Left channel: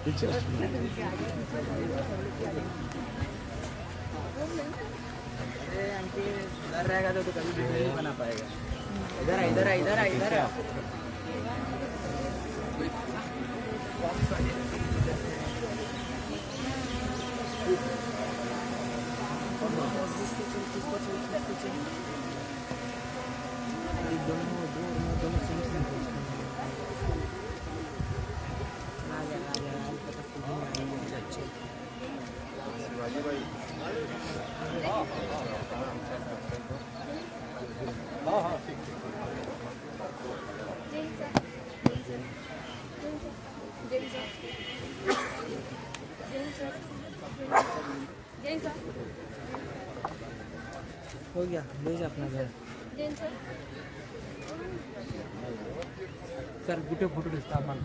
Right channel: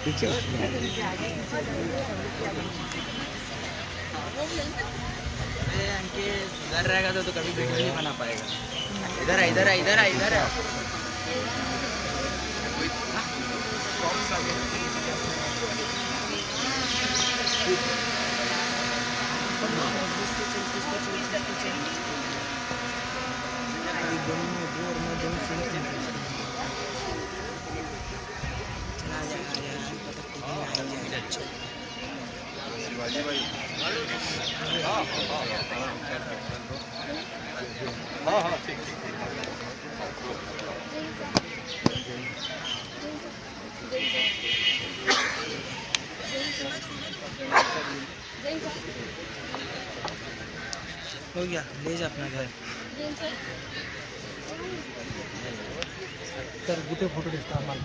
इनके घर रहेगा तो कभी वीडियो नहीं बना पाएगा। इधर है इधर है इधर है इधर है। हाँ हाँ ठीक ठीक ठीक। हो गया, ले जा अपना घर। सर गुटे फोटो दिसता आम्हाला